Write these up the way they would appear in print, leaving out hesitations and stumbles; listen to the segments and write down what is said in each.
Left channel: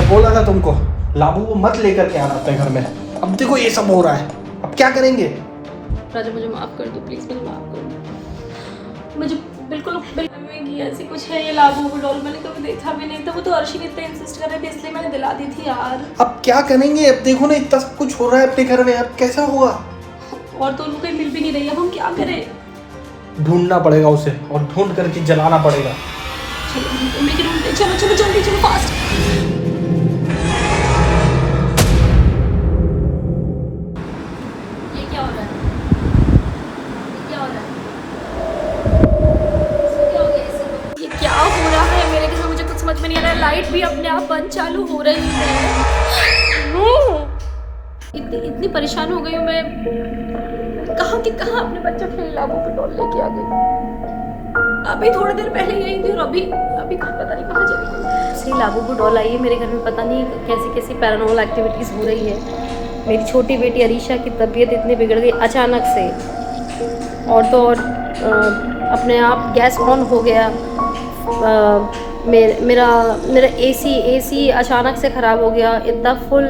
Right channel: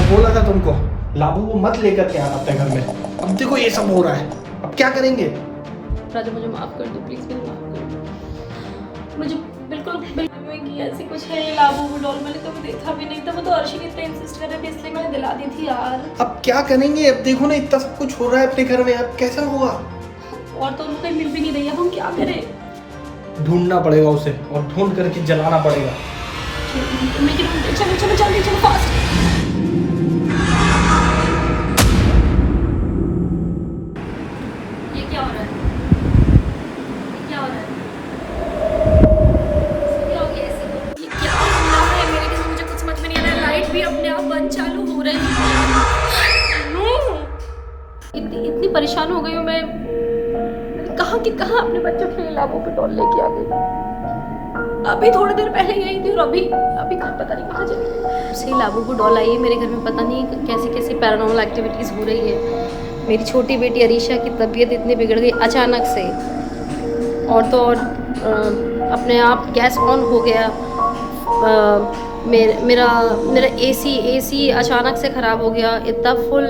मैंने बोला था तुमको लाबू को मत लेकर के आना अपने घर में। अब देखो ये सब हो रहा है, अब क्या करेंगे? राजा मुझे माफ़ कर दो प्लीज़, मुझे माफ़ कर दो। मुझे बिल्कुल ऐसी कुछ है ये लाबू डॉल, मैंने कभी देखा भी नहीं था। वो तो अर्शी इतना इंसिस्ट कर रहे थे इसलिए मैंने दिला दी थी यार। अब क्या करेंगे? अब देखो ना इतना सब कुछ हो रहा है अपने घर में, अब कैसा होगा? और तो उनको कहीं मिल भी नहीं रही है, हम क्या करें? ढूंढना पड़ेगा उसे और ढूंढ करके जलाना पड़ेगा। चलो चलो जल्दी चलो फास्ट। ये क्या हो रहा है? क्या हो रहा है? क्या हो गया इसे? ये क्या हो रहा है मेरे घर में? मुझे कुछ समझ में नहीं आ रहा है। लाइट भी अपने आप बंद चालू हो रही है। नो, इतनी परेशान हो गई हूँ मैं। कहाँ के कहाँ अपने बच्चों के लिए लाबू पे डॉल लेके आ गई। अभी थोड़ी देर पहले यही थी और अभी पता नहीं कहाँ चली गई। सही लाबू को डॉल आई है मेरे घर में, पता नहीं कैसे कैसे पैरानॉर्मल एक्टिविटीज़ हो रही है। मेरी छोटी बेटी अरीशा की तबीयत इतनी बिगड़ गई अचानक से, और तो और अपने आप गैस ऑन हो गया। मेरा एसी अचानक से ख़राब हो गया। इतना फुल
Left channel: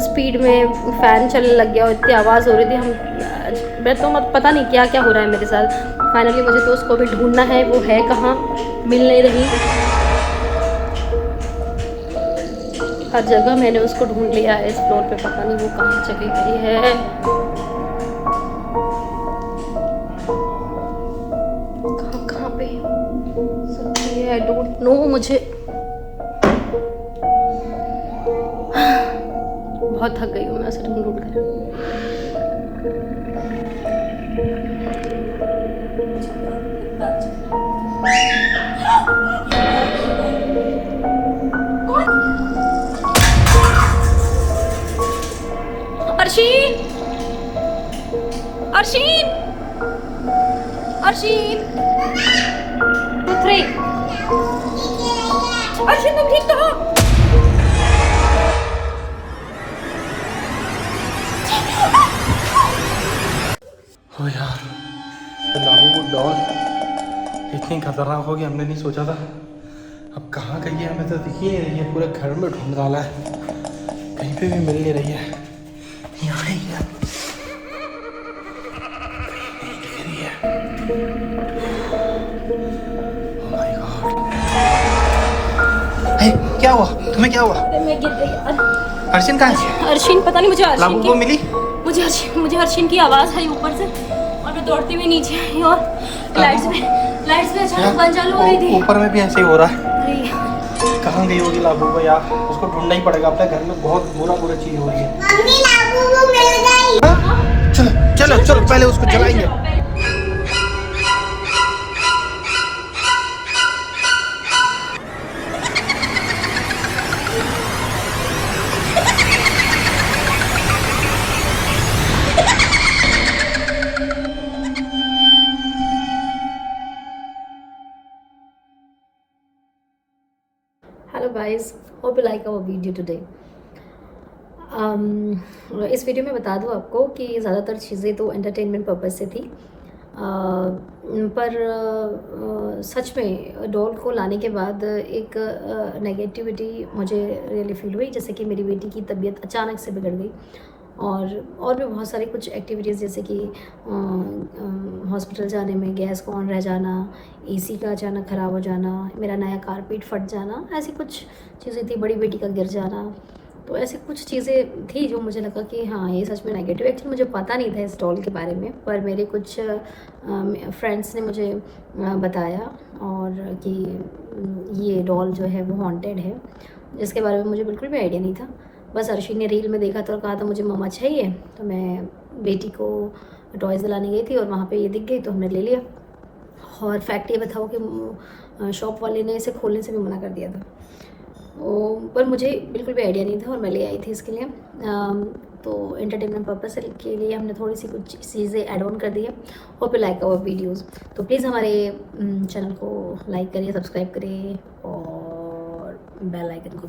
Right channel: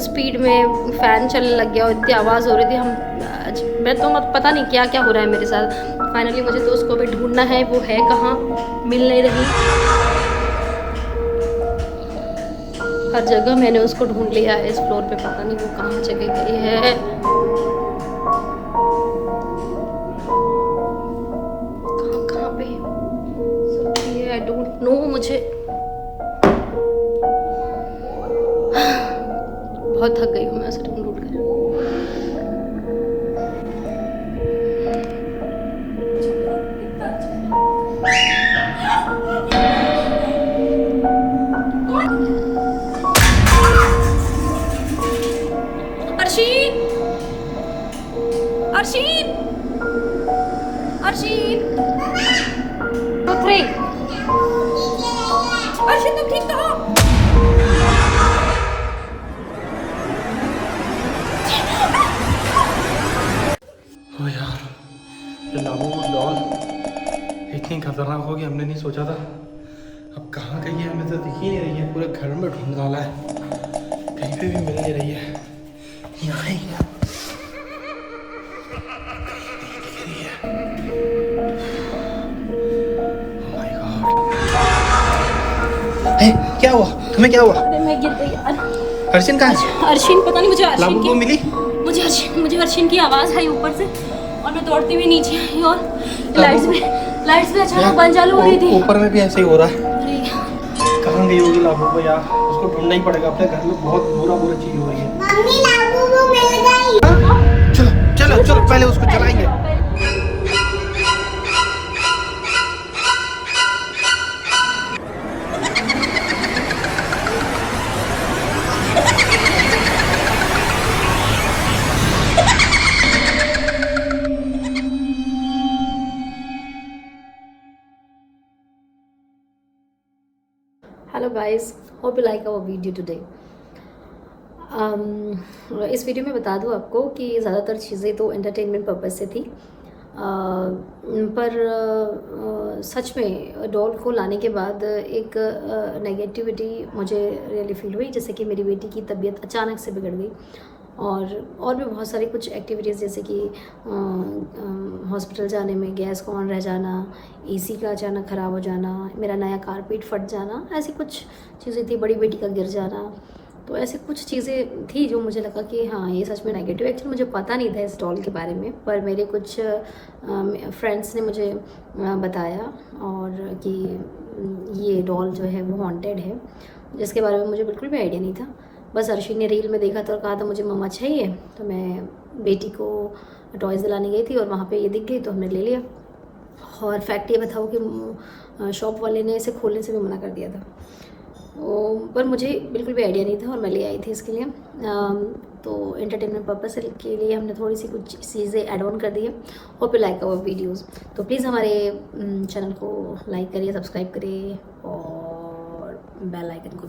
स्पीड में फ़ैन चलने लग गया और इतनी आवाज़ हो रही थी। मैं तो पता नहीं क्या क्या हो रहा है मेरे साथ। फाइनली मुझे तो उसको भी ढूंढना है, वो है कहाँ, मिल नहीं रही। हर जगह मैंने उसको ढूंढ लिया है, इस फ्लोर पे पता नहीं वो कहाँ चली गई है। कहाँ पे सकती है? I don't know. मुझे बहुत थक गई हूँ मैं उसे ढूंढ कर। अर्शीन, अर्शीन, अर्शीन, 2 3। अर्शीन तुम ठीक तो हो? ओ यार, ये लाबू को डॉल इतनी खतरनाक होगी हमने नहीं सोचा था। अब कहाँ गई है हमें तो दिख ही नहीं रही है। पूरे घर में ढूंढ डाला है, कहीं पे भी मिल नहीं रही है। यहाँ ही है। दिख रही है। Oh my God। हे, क्या हुआ? तुम्हें क्या हुआ? अरे मैं गिर गई यार। अर्शिन कहाँ है? अर्शीन पता नहीं, मुझे लाबू अर्शीन को मिली? मुझे अर्शीन की आवाज़ आई ऊपर से और मैं दौड़ती हुई नीचे आई और लाइट्स में अचानक बंद चालू हो रही थी। ऊपर में भी ऐसे ही हो रहा है। अरे कहाँ गई होगी लाबू को यार? उसको ढूंढना ही पड़ेगा। अपने घर में बहुत बुरा चीज हो रही है। हाँ? चलो चलो पहले उसको जलाएंगे। Hello guys, hope you like our video today. इस वीडियो में बता दूं आपको कि ज़्यादातर चीज़ें तो एंटरटेनमेंट पर्पस से थी, पर सच में डॉल को लाने के बाद एक नेगेटिविटी मुझे रियली फील हुई, जैसे कि मेरी बेटी की तबीयत अचानक से बिगड़ गई और भी बहुत सारी कुछ एक्टिविटीज़, जैसे कि हॉस्पिटल जाने में गैस ऑन रह जाना, एसी का अचानक ख़राब हो जाना, मेरा नया कारपेट फट जाना, ऐसी कुछ चीज़ें थी। बड़ी बेटी का गिर जाना, तो ऐसी कुछ चीज़ें थी जो मुझे लगा कि हाँ ये सच में नेगेटिव। एक्चुअली मुझे पता नहीं था इस डॉल के बारे में, पर मेरे कुछ फ्रेंड्स ने मुझे बताया और कि ये डॉल जो है वो हॉन्टेड है, जिसके बारे में मुझे बिल्कुल भी आइडिया नहीं था। बस अर्शी ने रील में देखा तो कहा था मुझे मम्मा चाहिए, तो मैं बेटी को टॉयज़ दिलाने गई थी और वहाँ पे ये दिख गई तो हमने ले लिया। और फैक्ट ये बताऊँ कि शॉप वाले ने इसे खोलने से भी मना कर दिया था, पर मुझे बिल्कुल भी आइडिया नहीं था और मैं ले आई थी इसके लिए। तो एंटरटेनमेंट पर्पस के लिए हमने थोड़ी सी कुछ चीज़ें ऐड ऑन कर दी है। Hope you like our videos. तो प्लीज़ हमारे चैनल को लाइक करिए, सब्सक्राइब करिए और बेल आइकन को